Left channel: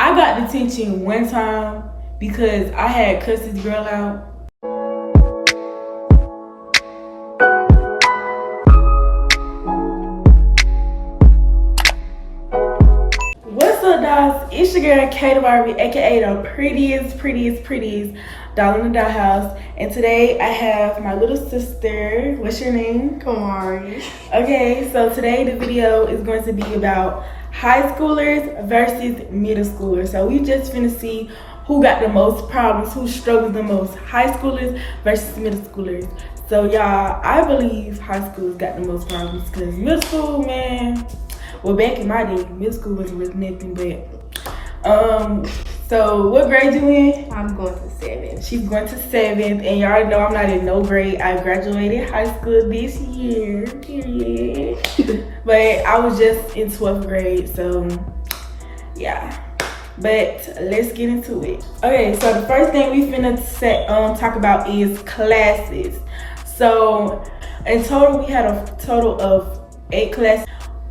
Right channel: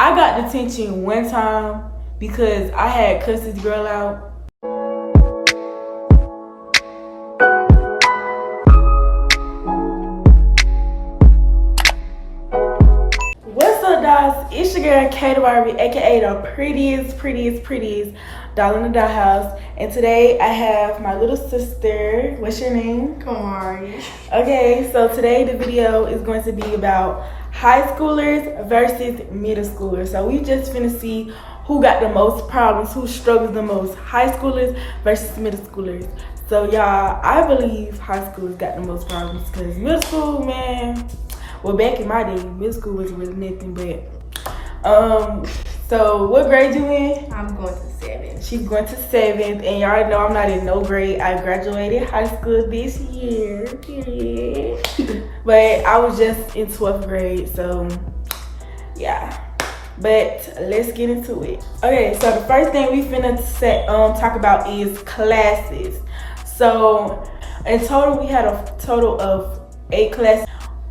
I got detention one time because I had cussed this girl out. What's up, guys? It's your girl Kate Barbie, aka the prettiest doll in the dollhouse. And today I have my little sister. What's your name? Kamari. Okay, so today the video is going to be about high schoolers versus middle schoolers. So we just finna see who got the most problems, who struggles the most, high schoolers versus middle schoolers. So y'all, I believe high schoolers got the most problems because middle school, man, well, back in my day, middle school wasn't really nothing but. So what grade you in? I'm going to 7th. She's going to 7th, and y'all know I'm not in no grade. I graduated high school this year, period. But I was just in 12th grade, so yeah. But let's get into it. Okay, so the first thing we finna talk about is classes. So in total, we had a total of 8 classes.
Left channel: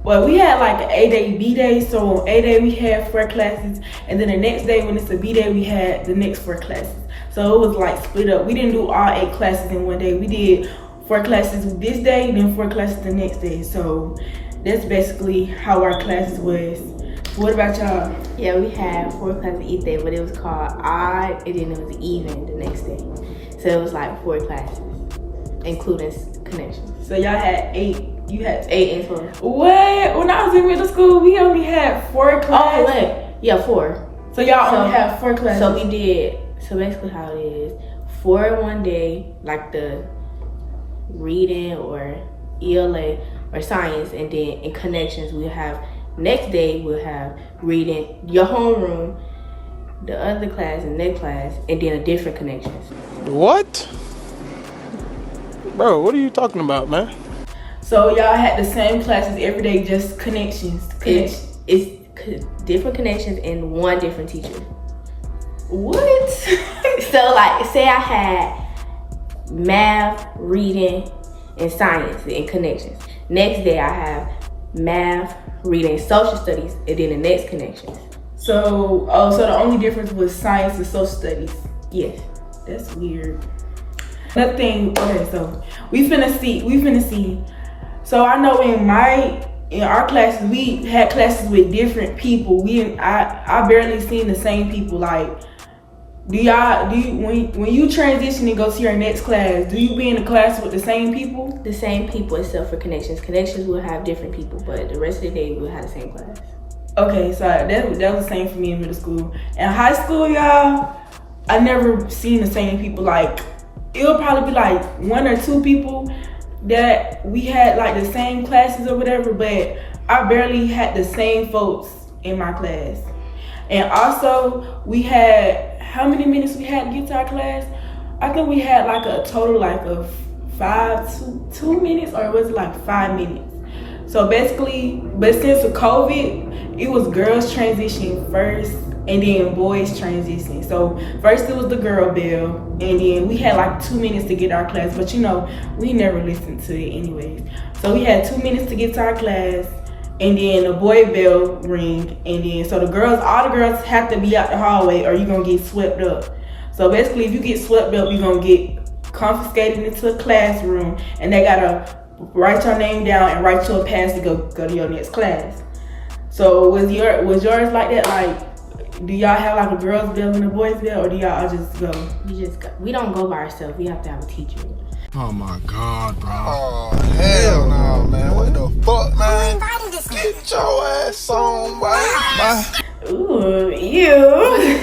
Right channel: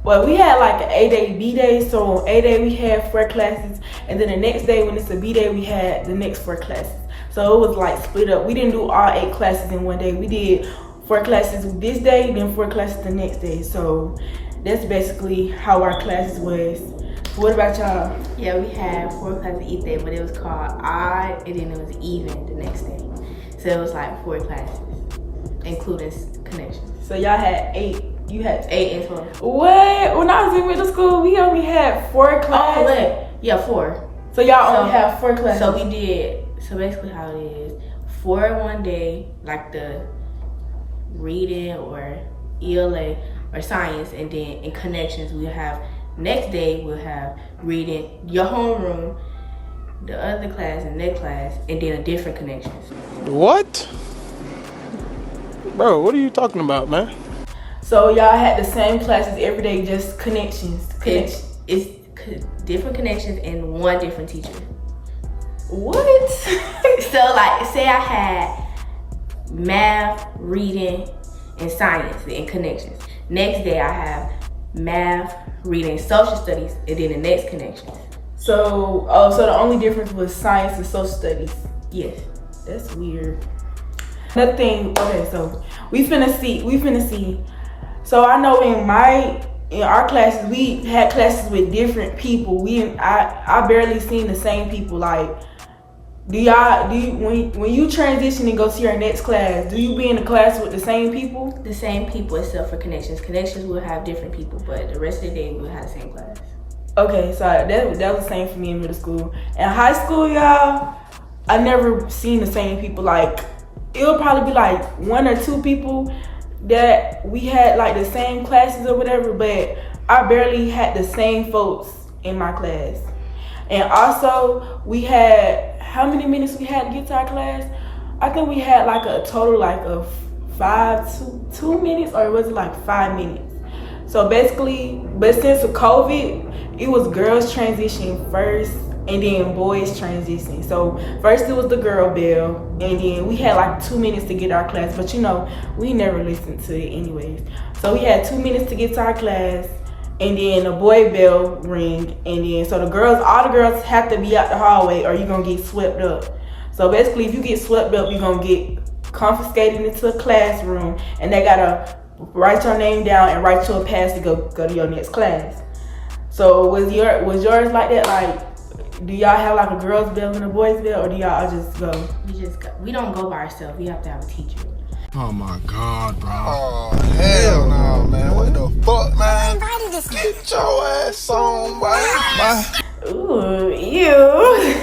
Well, we had like an A-day, B-day. So on A-day, we had 4 classes. And then the next day, when it's a B-day, we had the next 4 classes. So it was like split up. We didn't do all 8 classes in one day. We did 4 classes this day, then 4 classes the next day. So that's basically how our classes was. What about y'all? Yeah, we had 4 classes each day, but it was called odd, and then it was even the next day. So it was like 4 classes, including connections. So y'all had 8. You had 8 in total. What? When I was in middle school, we only had 4 classes. Oh, wait. Yeah, 4. So y'all only have 4 classes. So we did, so basically how it is, 4 one day, like the reading or ELA or science, and then in connections we'll have, next day we'll have reading, your homeroom, the other class and next class, and then a different connections. What? Bro, what are you talking about, man? So y'all had the same classes every day, just connections. It's different connections and one different teacher. What? So like, say I had math, reading, and science and connections. Next day I have math, reading, social studies, and then the next connections. So, so the only difference was science and social studies. Yes. That's weird. Another thing, okay, so we finna see. So I know in our classes, we had classes with different people. I barely seen the same people. Like, when you transition and go to your next class, do you be in the class with the same people? The same people except for connections. Connections will have different people, but the rest of the day we'll have the same class. Okay, so that was the same for me in middle school. In high school, y'all, I never seen the same people. Like, it'll probably be like 1 or 2 people that we had like the same classes or whatever, but I barely had the same folks in my class. And also, we had, how many minutes we had to get to our class? I think we had like a total like of 2 minutes, or was it like 5 minutes? So basically, but since the COVID, it was girls transition first and then boys transition. So first it was the girl bell, and then we had like 2 minutes to get our class, but you know, we never listened to it anyways. So we had 2 minutes to get to our class, and then the boy bell ring, and then so all the girls have to be out the hallway or you're gonna get swept up. So basically, if you get swept up, you're gonna get confiscated into a classroom, and they gotta write your name down and write you a pass to go to your next class. So was yours like that? Like, do y'all have like a girls' bell and a boys' bell, or do y'all just go? We don't go by ourselves. We have to have a teacher. Oh my God, bro. Oh, hell no, man. What the fuck, man? Get your ass on, boy. Ooh, ew.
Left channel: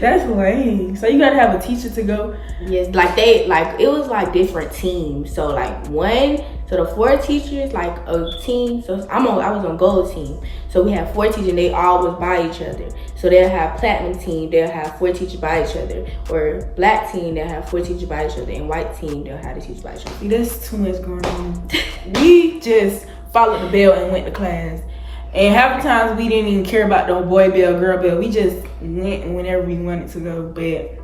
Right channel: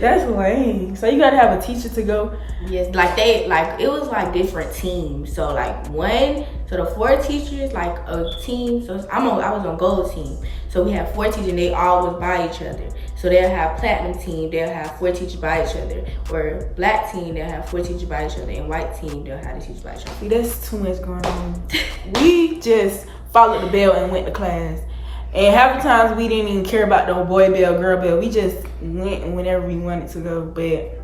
That's lame. So you gotta have a teacher to go? Yes, it was like different teams. So like the 4 teachers, like a team. So I was on gold team. So we had 4 teachers, and they all was by each other. So they'll have platinum team, they'll have 4 teachers by each other. Or black team, they'll have 4 teachers by each other. And white team, they'll have the teachers by each other. That's too much going on. We just followed the bell and went to class. And half the times we didn't even care about no boy bell, girl bell. We just went whenever we wanted to go. But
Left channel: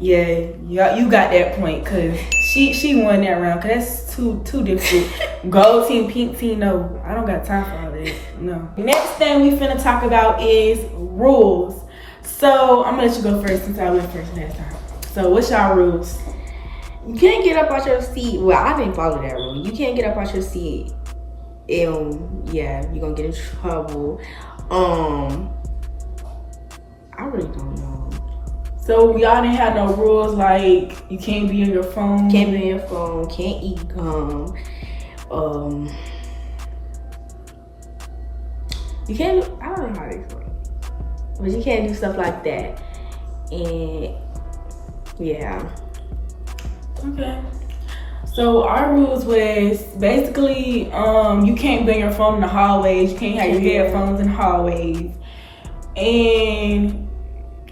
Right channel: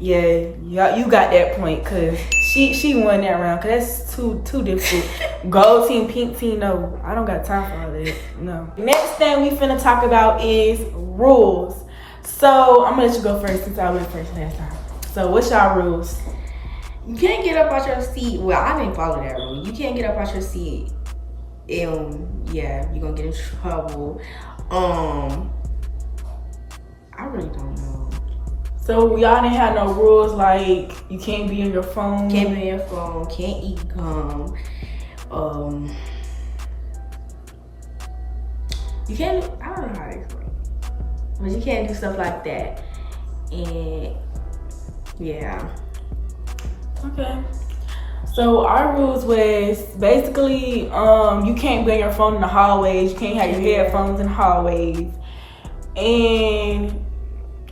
yeah, you got that point, because She won that round because that's too difficult. Gold team, pink team, no. I don't got time for all that. No. Next thing we finna talk about is rules. So I'm gonna let you go first since I went first last time. So what's y'all rules? You can't get up out your seat. Well, I didn't follow that rule. You can't get up out your seat. Yeah, you're gonna get in trouble. I really don't know. So y'all didn't have no rules like you can't be on your phone. Can't be on your phone. Can't eat gum. You can't do, I don't know how to explain it. But you can't do stuff like that. And yeah. Okay. So our rules was basically you can't be on your phone in the hallways. You can't have your headphones in the hallways. And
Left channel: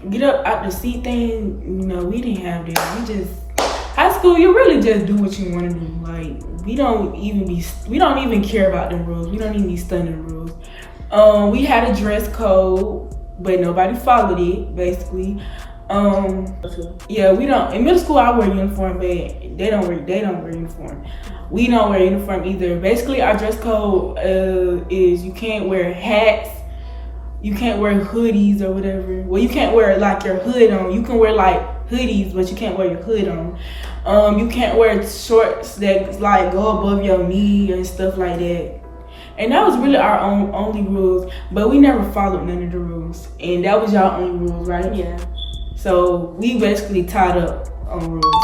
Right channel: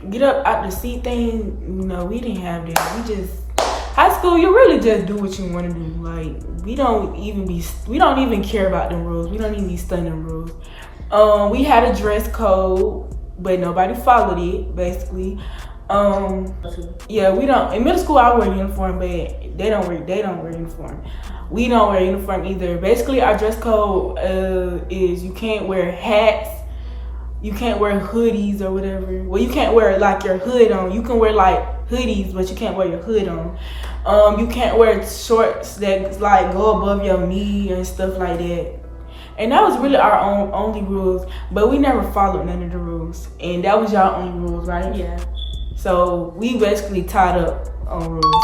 get up out the seat thing, no, we didn't have that. We just high school, you really just do what you want to do. Like we don't even care about them rules. We don't even be studying them rules. We had a dress code, but nobody followed it. Basically, yeah, we don't. In middle school, I wear uniform, but they don't wear uniform. We don't wear uniform either. Basically, our dress code is you can't wear hats. You can't wear hoodies or whatever. Well, you can't wear like your hood on. You can wear like hoodies, but you can't wear your hood on. You can't wear shorts that like go above your knee and stuff like that. And that was really our only rules. But we never followed none of the rules. And that was y'all only rules, right? Yeah. So we basically tied up on rules.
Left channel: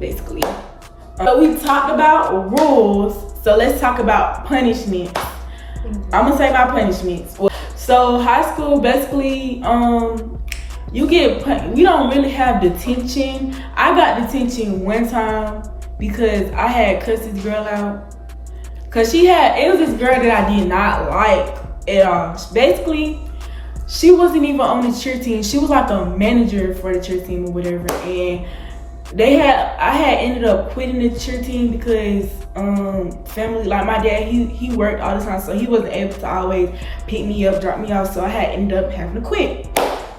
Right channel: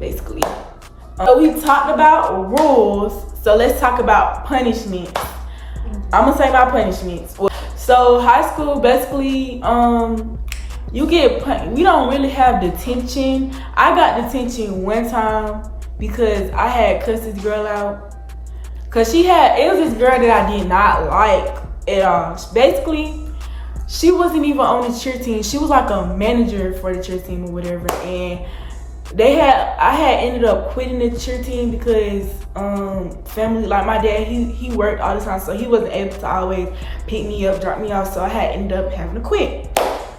Basically. So we talked about rules. So let's talk about punishments. I'm gonna say my punishments. So high school, basically, you get we don't really have detention. I got detention one time because I had cussed this girl out. Cause it was this girl that I did not like at all. Basically, she wasn't even on the cheer team. She was like a manager for the cheer team or whatever. And I had ended up quitting the cheer team because family, like my dad, he worked all the time, so he wasn't able to always pick me up, drop me off, so I had ended up having to quit.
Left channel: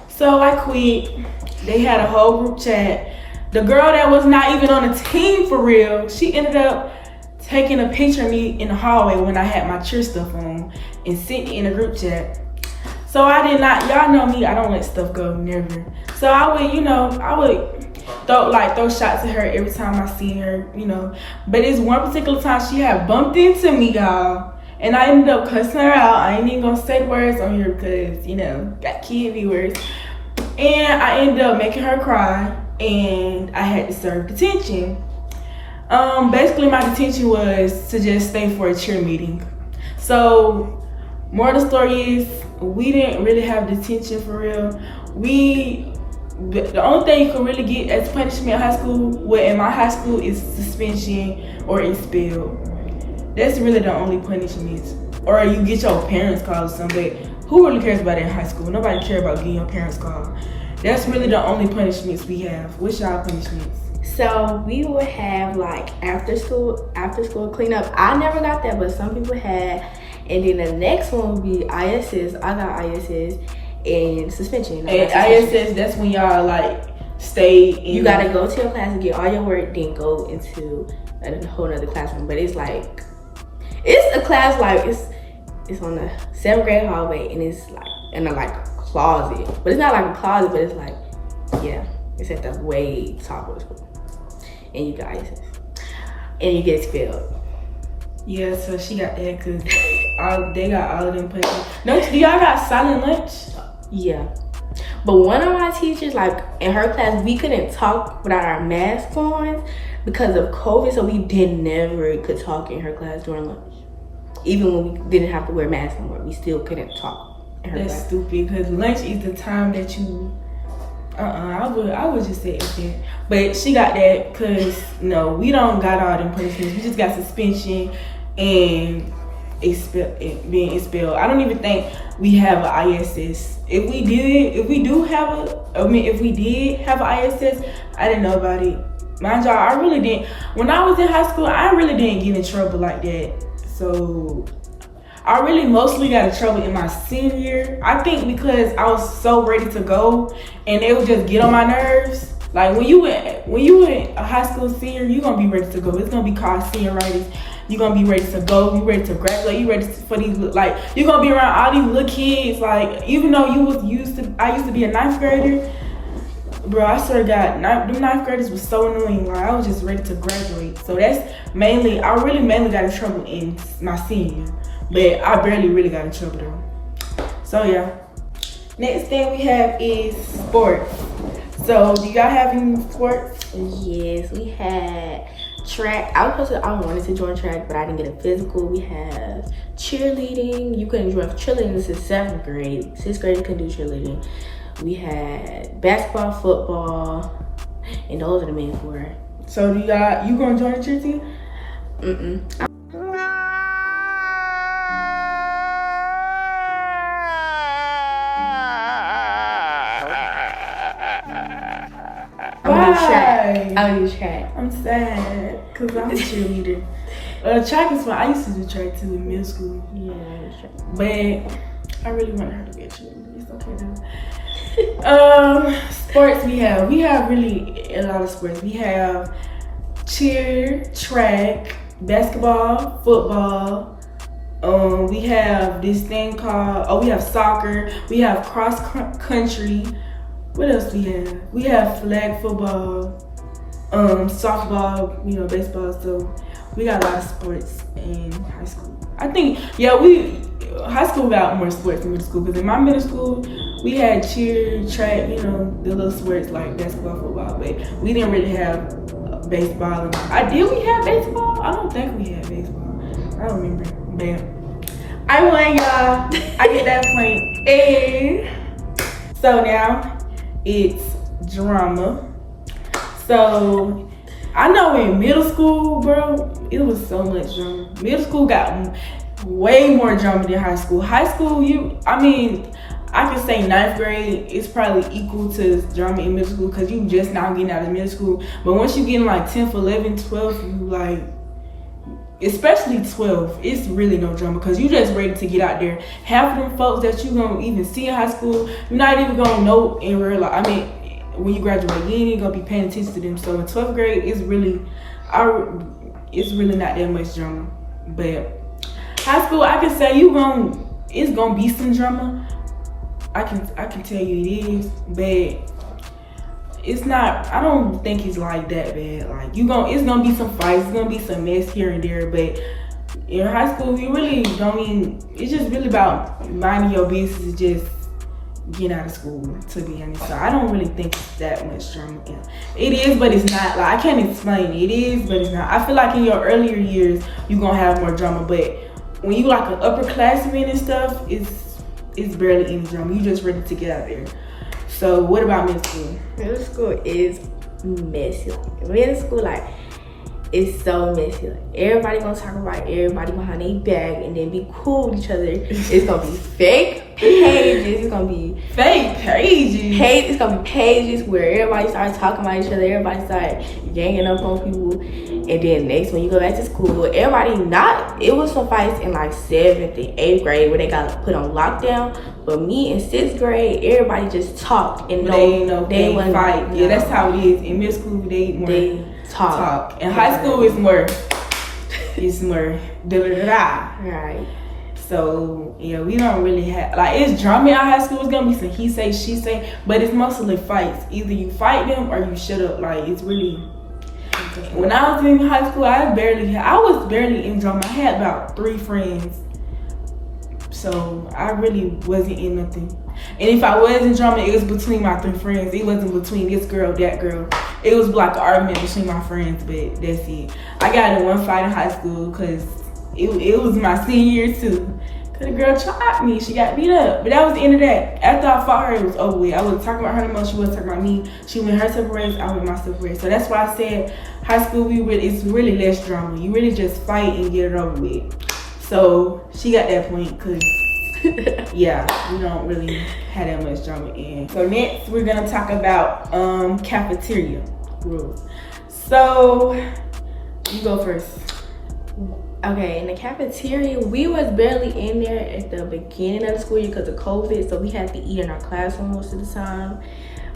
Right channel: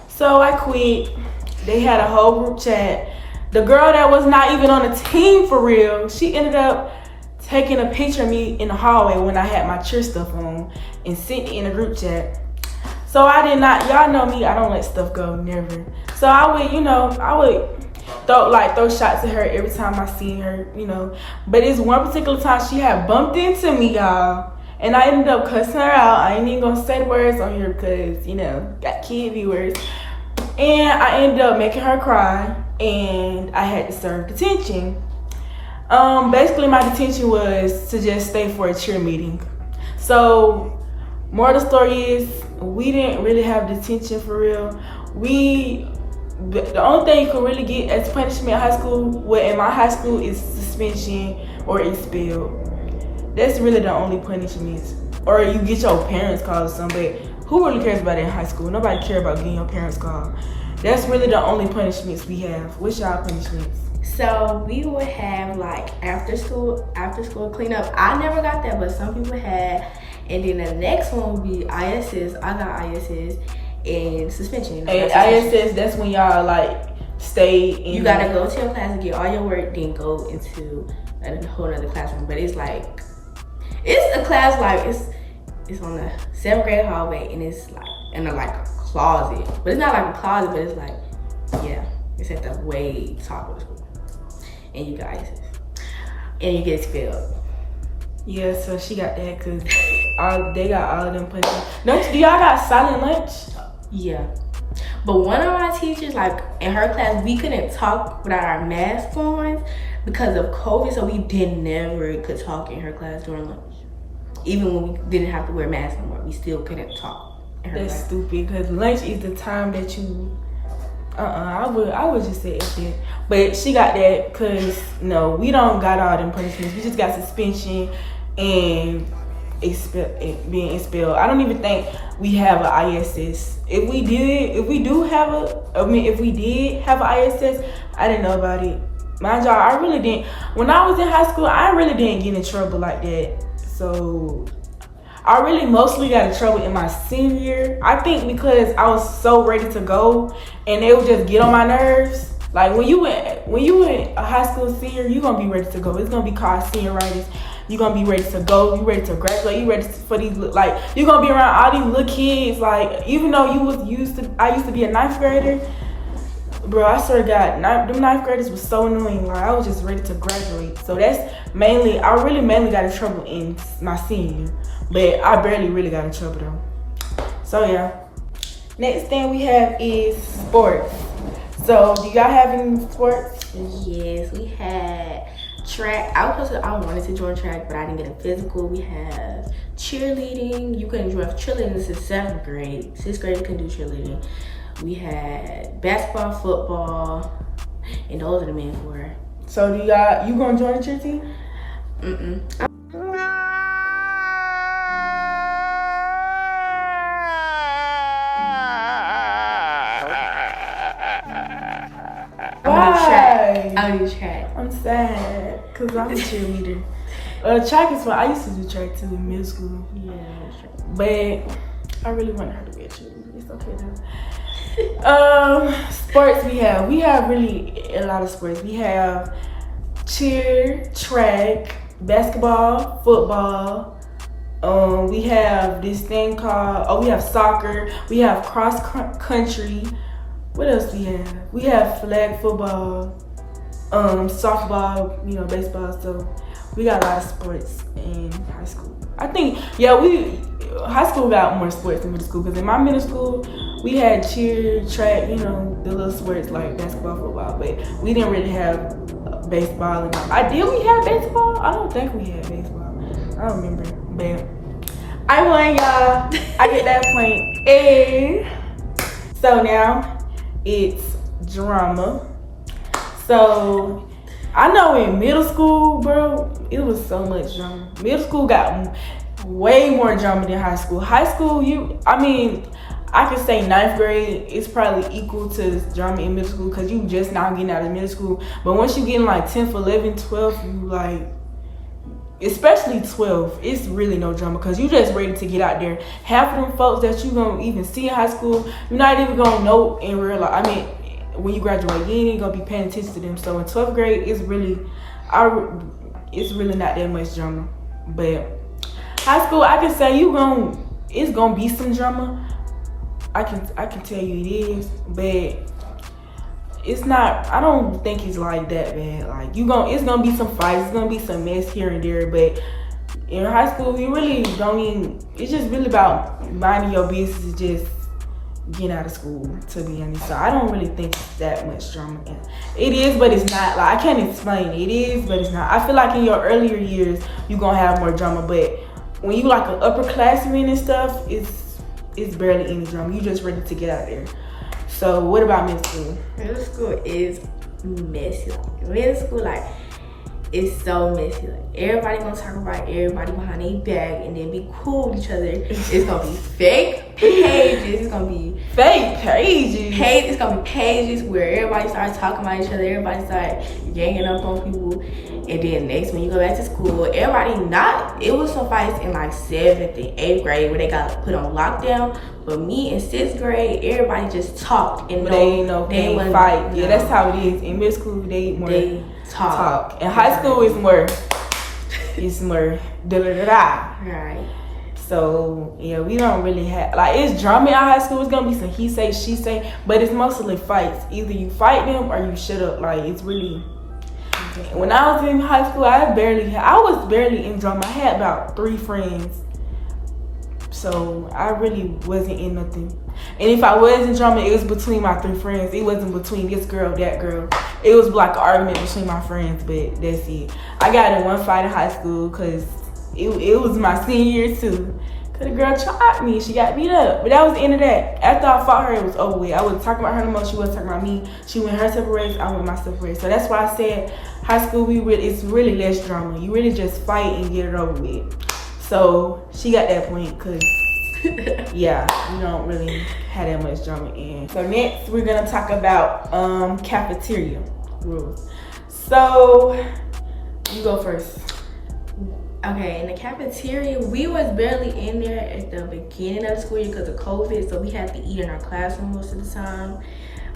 So I quit. They had a whole group chat. The girl that was not even on the team for real, she ended up taking a picture of me in the hallway when I had my cheer stuff on and sent it in a group chat. So I did not, y'all know me, I don't let stuff go, never. So I would throw shots at her every time I see her, But it's one particular time she had bumped into me, y'all. And I ended up cussing her out. I ain't even gonna say the words on here because, got kid viewers. And I ended up making her cry and I had to serve detention. Basically my detention was to just stay for a cheer meeting. So, moral of the story is, we didn't really have detention for real. The only thing you can really get as punishment in high school, in my high school, is suspension or expelled. That's really the only punishments. Or you get your parents called or something. But who really cares about that in high school? Nobody cares about getting your parents called. That's really the only punishments we have. What's y'all punishments? So we would have like after school cleanup. I never got that, but some people had. And then the next one would be ISS. I got ISS and suspension. And ISS, that's when y'all like stay in. You gotta go to your class and get all your work, then go into a whole nother classroom. But it's a class like it's on the 7th grade hallway and it's like in a closet. But it's not like a closet, but it's like, yeah, it's at the way top of the school. And you got ISS. And you get expelled. Yeah, so she got that because they got all of them punishments. Do y'all got silent lunch? Yeah. But one of my teachers, in her class, we couldn't talk without our masks on because of COVID, so we never could talk in her class during lunch. Even when we didn't have to wear masks no more, we still couldn't talk in her class. That's stupid because lunch is the time that you... I would just say it. But she got that because, no, we don't got all them punishments. We just got suspension and being expelled. I don't even think we have an ISS. If we did have an ISS, I didn't know about it. Mind y'all, I really didn't. When I was in high school, I really didn't get in trouble like that. So I really mostly got in trouble in my senior year. I think because I was so ready to go and they would just get on my nerves. Like when you in a high school senior, you gonna be ready to go. It's gonna be called senioritis. You gonna be ready to go. You ready to graduate. You ready for these, like, you gonna be around all these little kids. Like, even though I used to be a 9th grader, bro. I swear to God, the 9th graders was so annoying. Like, I was just ready to graduate. So that's mainly, I really mainly got in trouble in my senior year, but I barely really got in trouble though. So yeah. Next thing we have is sports. So do y'all have any sports? Yes, we had track. I wanted to join track, but I didn't get a physical. We have cheerleading. You couldn't join cheerleading. This is 7th grade. 6th grade you couldn't do cheerleading. We had basketball, football, and those are the main 4. So you gonna join the cheer team? I would do track. I'm sad because I'm a cheerleader. Track is fun. I used to do track too in middle school. Yeah, track. But I really wanted her to be a cheerleader. It's okay though. Sports we have really a lot of sports. We have cheer, track, basketball, football. We have this thing called, we have soccer. We have cross country. What else do we have? We have flag football, softball, baseball. So we got a lot of sports in high school. I think, high school got more sports than middle school, because in my middle school, we had cheer, track, the little sports like basketball, football, but we didn't really have baseball. Did we have baseball? I don't think we had baseball. I don't remember, but I won, y'all. I get that point. Hey. So now it's drama. So I know in middle school, bro, it was so much drama. Middle school got way more drama than high school. High school, I could say 9th grade is probably equal to drama in middle school, because you just now getting out of middle school. But once you get in like 10th, 11th, 12th, you like, especially 12, it's really no drama, because you just ready to get out there. Half of them folks that you gonna even see in high school, you're not even gonna know in real life. When you graduate, you ain't gonna be paying attention to them. So in 12th grade, it's really not that much drama. But high school, I can say it's gonna be some drama. I can tell you it is, but it's not. I don't think it's like that bad. Like it's gonna be some fights. It's gonna be some mess here and there. But in high school, you really don't even. It's just really about minding your business. Just getting out of school, to be honest. So I don't really think it's that much drama. It is, but it's not. Like, I can't explain it. It is, but it's not. I feel like in your earlier years, you're gonna have more drama. But when you like an upperclassman and stuff, it's barely any drama. You just ready to get out there. So what about middle school? Middle school is messy. Middle school, it's so messy. Like, everybody gonna talk about everybody behind their back and then be cool with each other. It's gonna be fake pages. It's gonna be fake pages. It's gonna be pages where everybody starts talking about each other. Everybody start ganging up on people. And then next, when you go back to school, it was some fights in like 7th and 8th grade where they got put on lockdown. But me in 6th grade, everybody just talked and they wouldn't fight. Yeah, that's how it is. In middle school, they talk. In high school, it's more da-da-da-da. Right. So yeah, we don't really have, it's drama in high school. It's gonna be some he say, she say, but it's mostly fights. Either you fight them or you shut up. It's really. When I was in high school, I was barely in drama. I had about 3 friends. So I really wasn't in nothing. And if I was in drama, it was between my 3 friends. It wasn't between this girl, that girl. It was like an argument between my friends, but that's it. I got in one fight in high school because it was my senior year too. Cause the girl tried me, she got beat up. But that was the end of that. After I fought her, it was over with. I wasn't talking about her no more, she wasn't talking about me. She went her separate ways, I went my separate ways. So that's why I said high school, it's really less drama. You really just fight and get it over with. So she got that point, cause yeah, we don't really have that much drama in. So next we're gonna talk about cafeteria rules. So you go first. Okay, in the cafeteria, we was barely in there at the beginning of the school year because of COVID, so we had to eat in our classroom most of the time.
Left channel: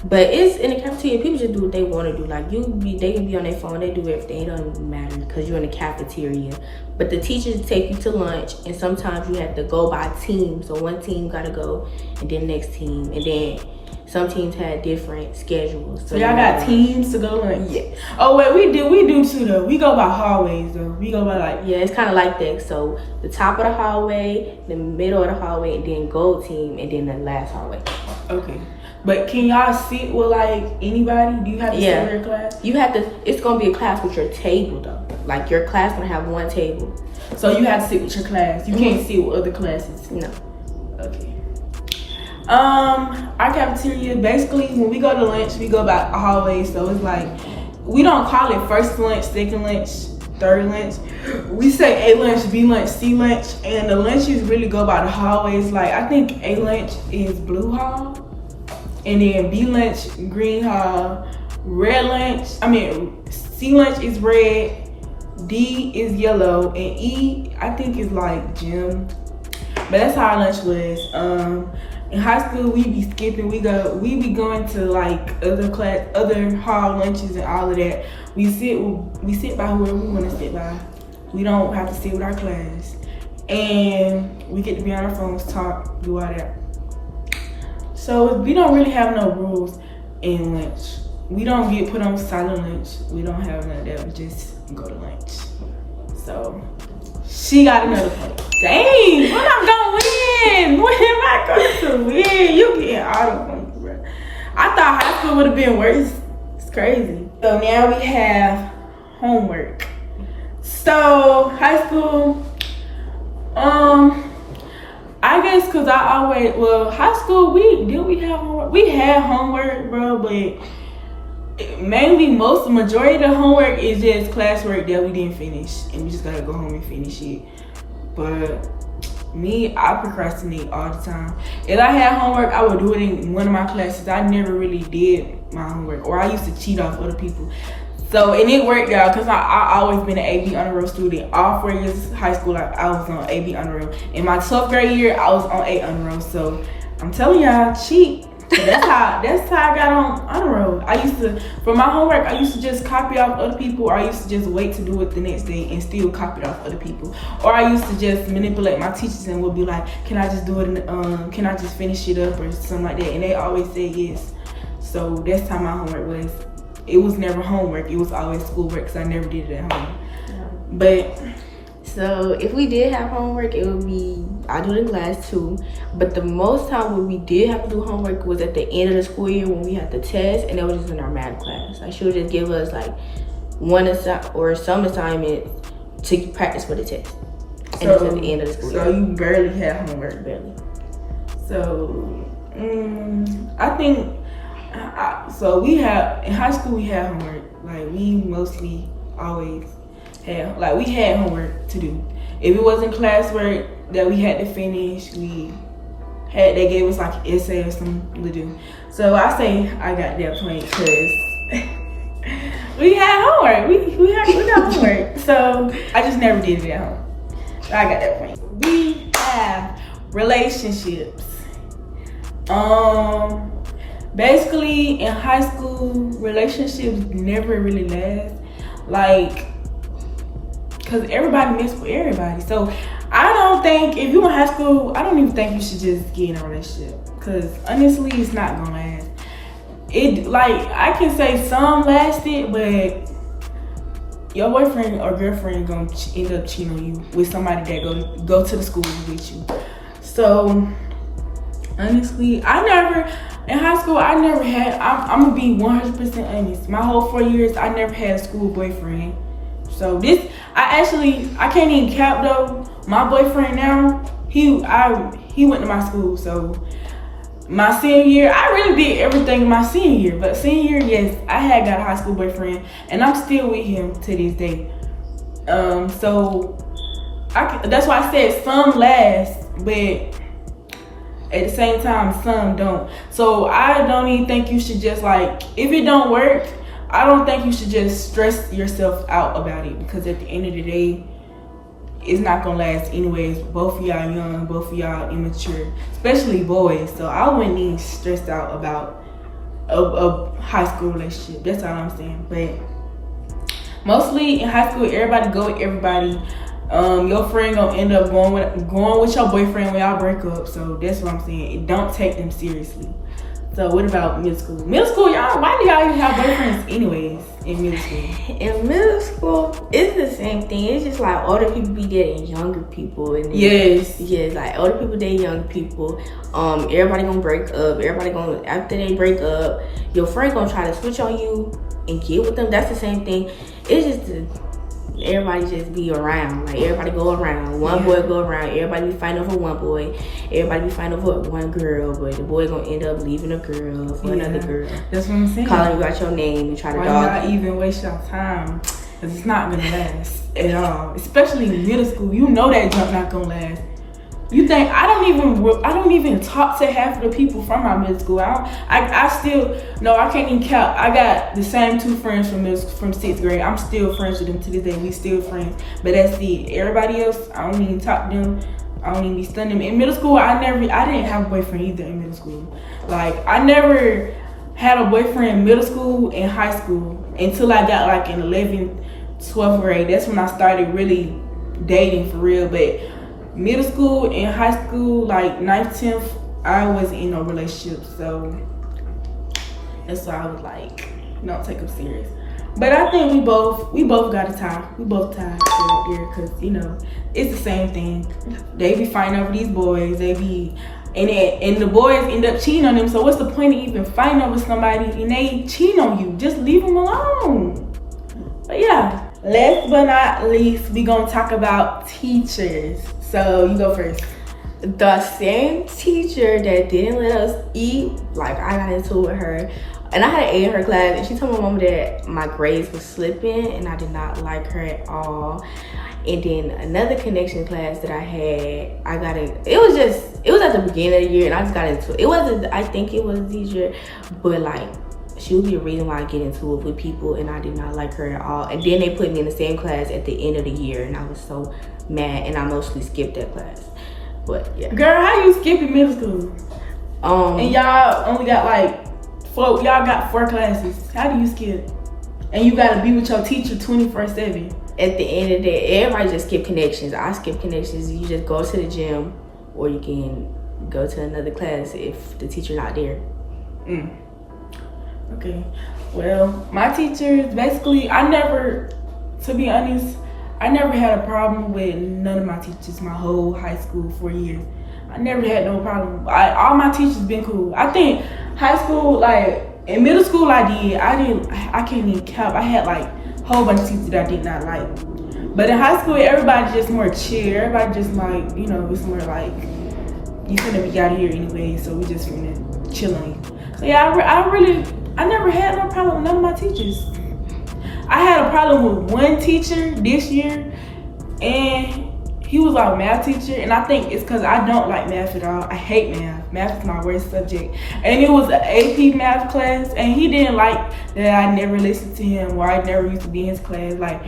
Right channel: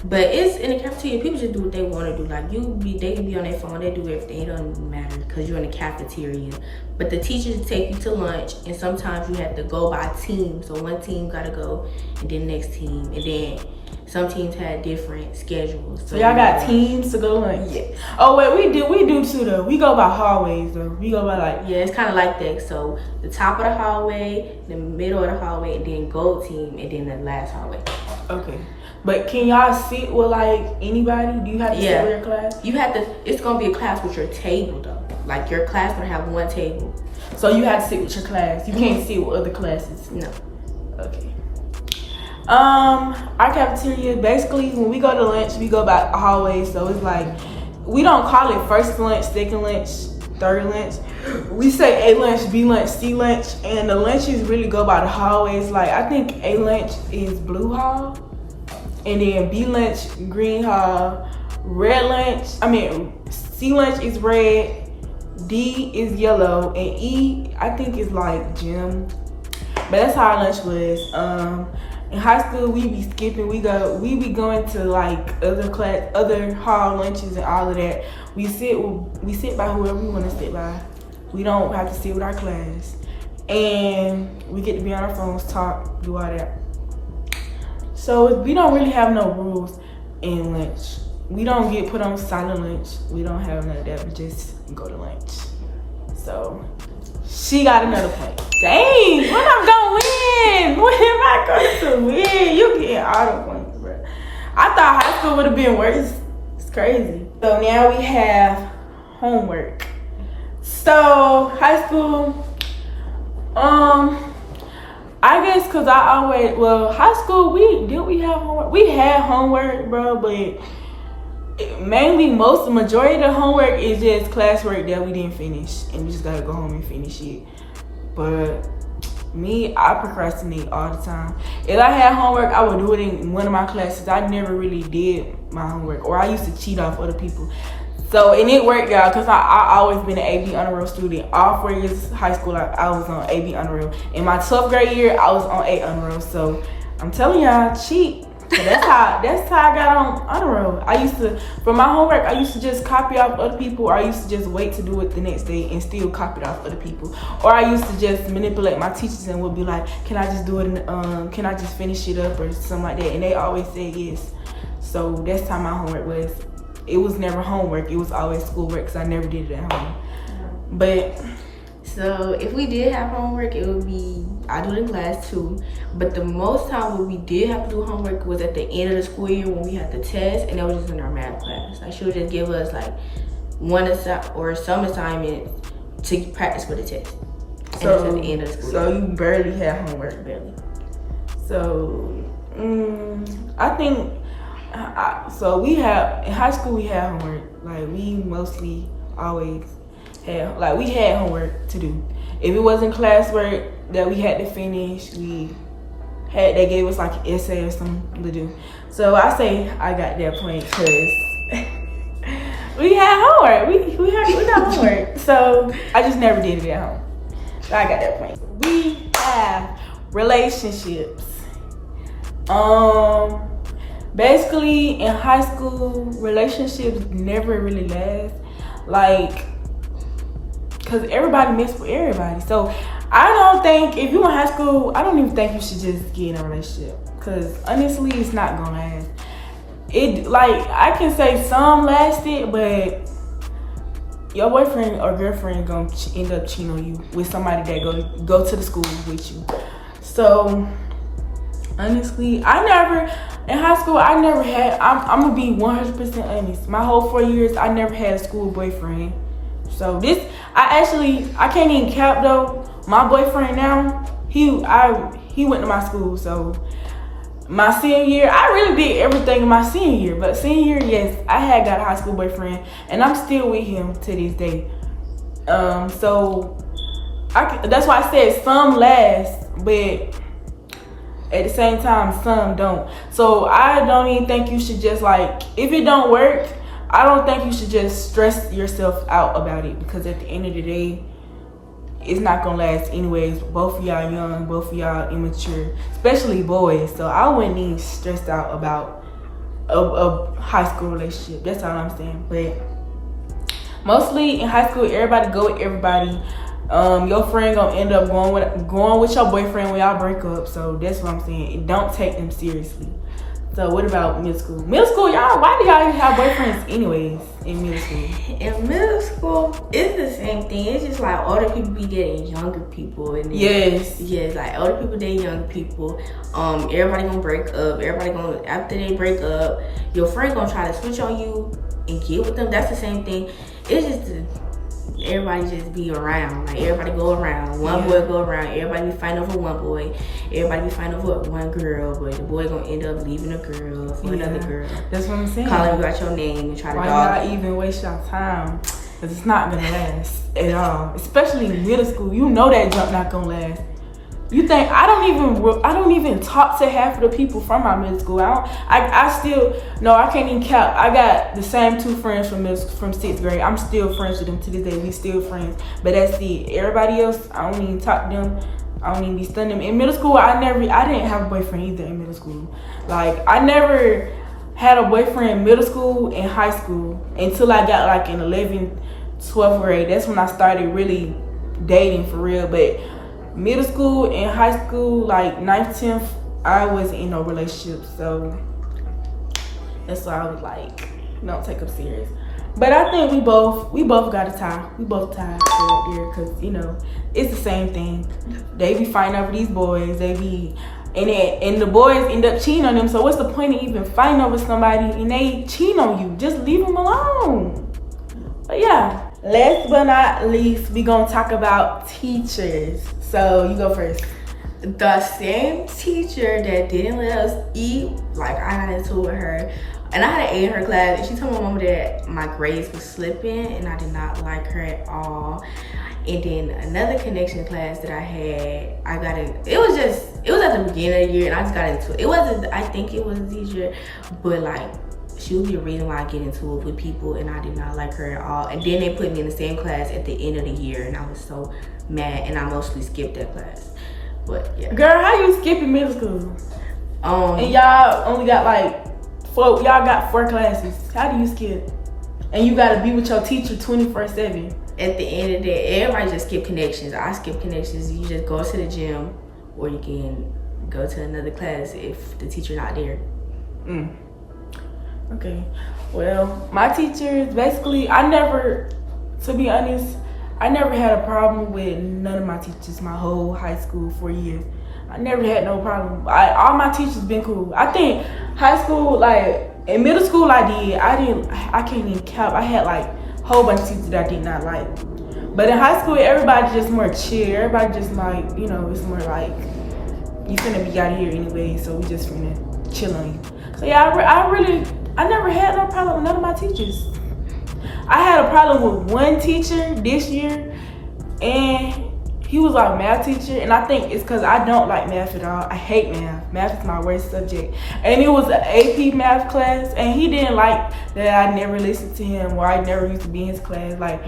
But it's in the cafeteria, people just do what they want to do. Like they can be on their phone, they do everything. It doesn't matter because you're in the cafeteria. But the teachers take you to lunch, and sometimes you have to go by team. So one team gotta go, and then next team, and then some teams had different schedules. So y'all got teams to go to lunch? Yes. Oh wait, we do too though. We go by hallways though. We go by like, yeah, it's kind of like that. So the top of the hallway, the middle of the hallway, and then gold team, and then the last hallway. Okay. But can y'all sit with like anybody? Do you have to sit with your class? You have to. It's gonna be a class with your table though. Like your class gonna have one table. So you have to sit with your class. You can't sit with other classes. No. Okay. Our cafeteria, basically when we go to lunch, we go by a hallway. So it's like, we don't call it first lunch, second lunch, third lunch. We say A lunch, B lunch, C lunch, and the lunches really go by the hallways. Like I think A lunch is blue hall, and then B lunch, green hall, C lunch is red, D is yellow, and E I think is like gym. But that's how our lunch was. In high school, we be skipping. We be going to like other hall lunches and all of that. We sit by whoever we want to sit by. We don't have to sit with our class, and we get to be on our phones, talk, do all that. So we don't really have no rules in lunch. We don't get put on silent lunch. We don't have none of that. We just go to lunch. So she got another point. Dang, what I'm gonna win? What am I going to win? You getting all the points, bro. I thought high school would have been worse. It's crazy. So now we have homework. So high school, I guess cause high school we have homework? We had homework, bro, but mainly majority of the homework is just classwork that we didn't finish, and we just gotta go home and finish it. But me, I procrastinate all the time. If I had homework, I would do it in one of my classes. I never really did my homework, or I used to cheat off other people. So, and it worked, y'all, because I always been an AB honor roll student. All 4 years of high school, I was on AB honor roll. In my 12th grade year, I was on A honor roll. So, I'm telling y'all, cheat. So that's how I got on honor roll. For my homework, I used to just copy off other people, or I used to just wait to do it the next day and still copy it off other people. Or I used to just manipulate my teachers and would be like, can I just do it, can I just finish it up or something like that? And they always said yes. So that's how my homework was. It was never homework. It was always schoolwork because I never did it at home. Yeah. But so if we did have homework, it would be, I do it in class too. But the most time when we did have to do homework was at the end of the school year when we had the test, and that was just in our math class. Like she would just give us like some assignments to practice for the test. And it's at the end of the school year. So you barely had homework? Barely. So I think, so we in high school we had homework. Like we mostly always had, like we had homework to do. If it wasn't classwork that we had to finish, they gave us like an essay or something to do. So I say I got that point because we had homework. We got homework. So I just never did it at home. So I got that point. We have relationships. Basically in high school, relationships never really last. Like, cause everybody mess with everybody. So I don't think, if you in high school, I don't even think you should just get in a relationship. Cause honestly, it's not gonna last. I can say some lasted, but your boyfriend or girlfriend gonna end up cheating on you with somebody that go to the school with you. So honestly, in high school, I never had, I'm gonna be 100% honest. My whole 4 years, I never had a school boyfriend. So I can't even cap though. My boyfriend now, he went to my school. So my senior year, I really did everything in my senior year. But senior year, yes, I had got a high school boyfriend, and I'm still with him to this day. So that's why I said some last, but at the same time, some don't. So I don't even think you should just if it don't work, I don't think you should just stress yourself out about it, because at the end of the day, it's not gonna last anyways. Both of y'all young, both of y'all immature, especially boys. So I wouldn't even stress out about a high school relationship. That's all I'm saying. But mostly in high school, everybody go with everybody. Your friend gonna end up going with your boyfriend when y'all break up. So that's what I'm saying. Don't take them seriously. So what about middle school? Middle school, y'all, why do y'all even have boyfriends anyways in middle school? In middle school, it's the same thing. It's just like older people be dating younger people. And then, Yes. Yes, like older people date young people. Everybody gonna break up. Everybody gonna, after they break up, your friend gonna try to switch on you and get with them. That's the same thing. It's just everybody just be around. Like everybody go around. One boy go around. Everybody be fighting over one boy. Everybody be fighting over one girl. But the boy gonna end up leaving a girl for another girl. That's what I'm saying. Calling you out your name and try to Why dog not even waste your time? Because it's not gonna last at all. Especially in middle school. You know that jump not gonna last. You think I don't even talk to half of the people from my middle school. I can't even count. I got the same 2 friends from 6th grade. I'm still friends with them to this day. We still friends. But that's it. Everybody else, I don't even talk to them. I don't even be studying them. In middle school, I didn't have a boyfriend either in middle school. Like I never had a boyfriend in middle school and high school until I got like in 11th, 12th grade. That's when I started really dating for real. But middle school and high school, like 9th, 10th, I wasn't in no relationship. So that's why I was like, don't take them serious. But I think we both got a tie. We both tied right there because, you know, it's the same thing. They be fighting over these boys. They be, and the boys end up cheating on them. So what's the point of even fighting over somebody and they cheat on you? Just leave them alone. But yeah, last but not least, we gonna talk about teachers. So you go first. The same teacher that didn't let us eat, like I got into it with her. And I had an A in her class, and she told my mama that my grades was slipping, and I did not like her at all. And then another connection class that I had, I got in. It was at the beginning of the year, and I just got into it. It wasn't. I think it was a teacher, but like she would be a reason why I get into it with people, and I did not like her at all. And then they put me in the same class at the end of the year, and I was so mad, and I mostly skipped that class. But yeah, girl, how you skipping middle school? And y'all only got like. Y'all got 4 classes. How do you skip? And you gotta be with your teacher 24/7. At the end of the day, everybody just skip connections. I skip connections. You just go to the gym, or you can go to another class if the teacher not there. Okay. Well, my teachers, basically, to be honest, I never had a problem with none of my teachers my whole high school 4 years. I never had no problem. All my teachers been cool. I think high school, like in middle school, I can't even count. I had like a whole bunch of teachers that I did not like. But in high school, everybody just more chill. Everybody just like, you know, it's more like you finna be out of here anyway, so we just finna chill on you. So yeah, I never had no problem with none of my teachers. I had a problem with one teacher this year, and he was our math teacher, and I think it's because I don't like math at all. I hate math. Math is my worst subject. And it was an AP math class, and he didn't like that I never listened to him, or I never used to be in his class. Like,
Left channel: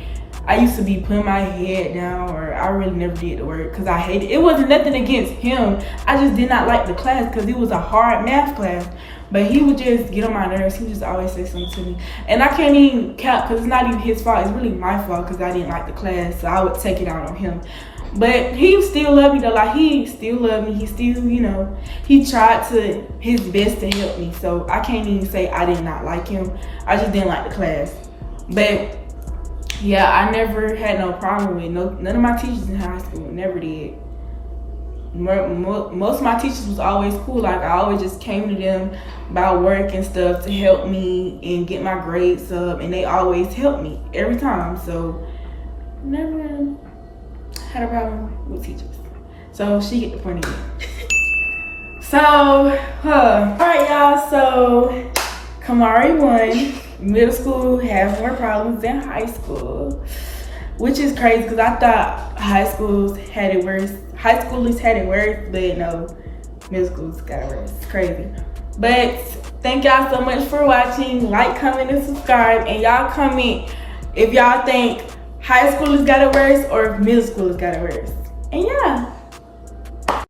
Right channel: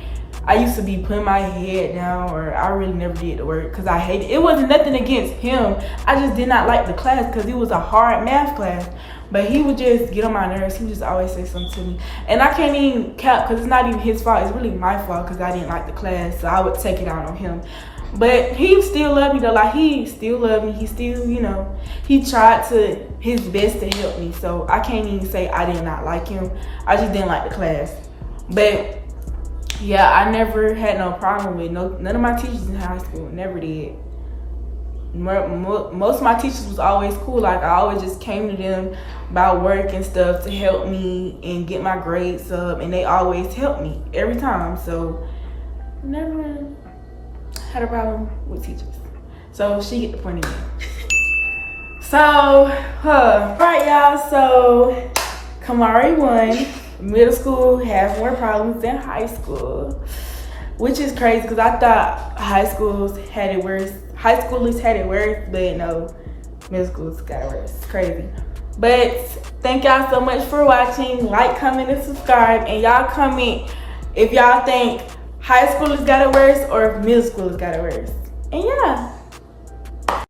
I used to be putting my head down, or I really never did the work because I hated it. It wasn't nothing against him. I just did not like the class because it was a hard math class. But he would just get on my nerves. He would just always say something to me. And I can't even cap because it's not even his fault. It's really my fault because I didn't like the class. So I would take it out on him. But he still loved me though. Like, he still loved me. He still, you know, he tried his best to help me. So I can't even say I did not like him. I just didn't like the class. But yeah, I never had no problem with none of my teachers in high school. Never did. Most of my teachers was always cool. Like, I always just came to them about work and stuff to help me and get my grades up, and they always helped me every time. So never had a problem with teachers. So she get the point of it. So, all right, y'all. So Kamari won. Middle school has more problems than high school, which is crazy because I thought high schools had it worse. High schoolers had it worse, but no, middle schools got it worse. It's crazy. But thank y'all so much for watching. Like, comment, and subscribe. And y'all comment if y'all think high schoolers got it worse or if middle schoolers got it worse. And yeah.